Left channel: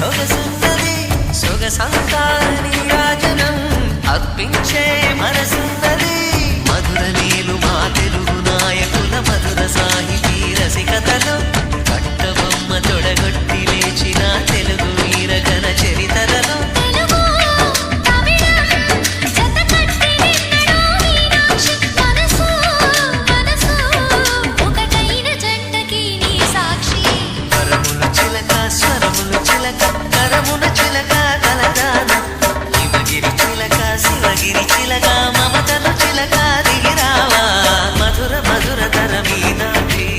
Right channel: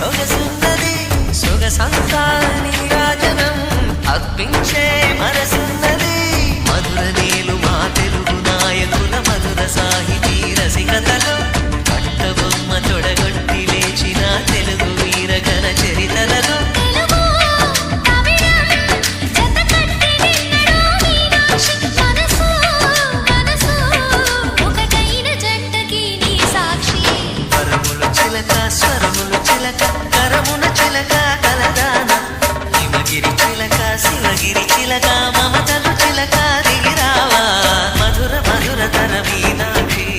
సొగసున్నది సొగసంతా నీరాజనం అర్పించే మనసున్నది మధుర నేలు మా తెలుగు నాయకుల మధుర సాహితీ రసికతలో కట్టబొమ్మ తొడగొట్టి లేచిన తెలుగు వీర ఘన చరితలలో స్వరములు చిలక కరమున చిలక కలదాన హిమగిరి చిలక శివగిరి చిలక మమతలు చిలక దిగిరావా మధుర మధుర తర మీనాక్షి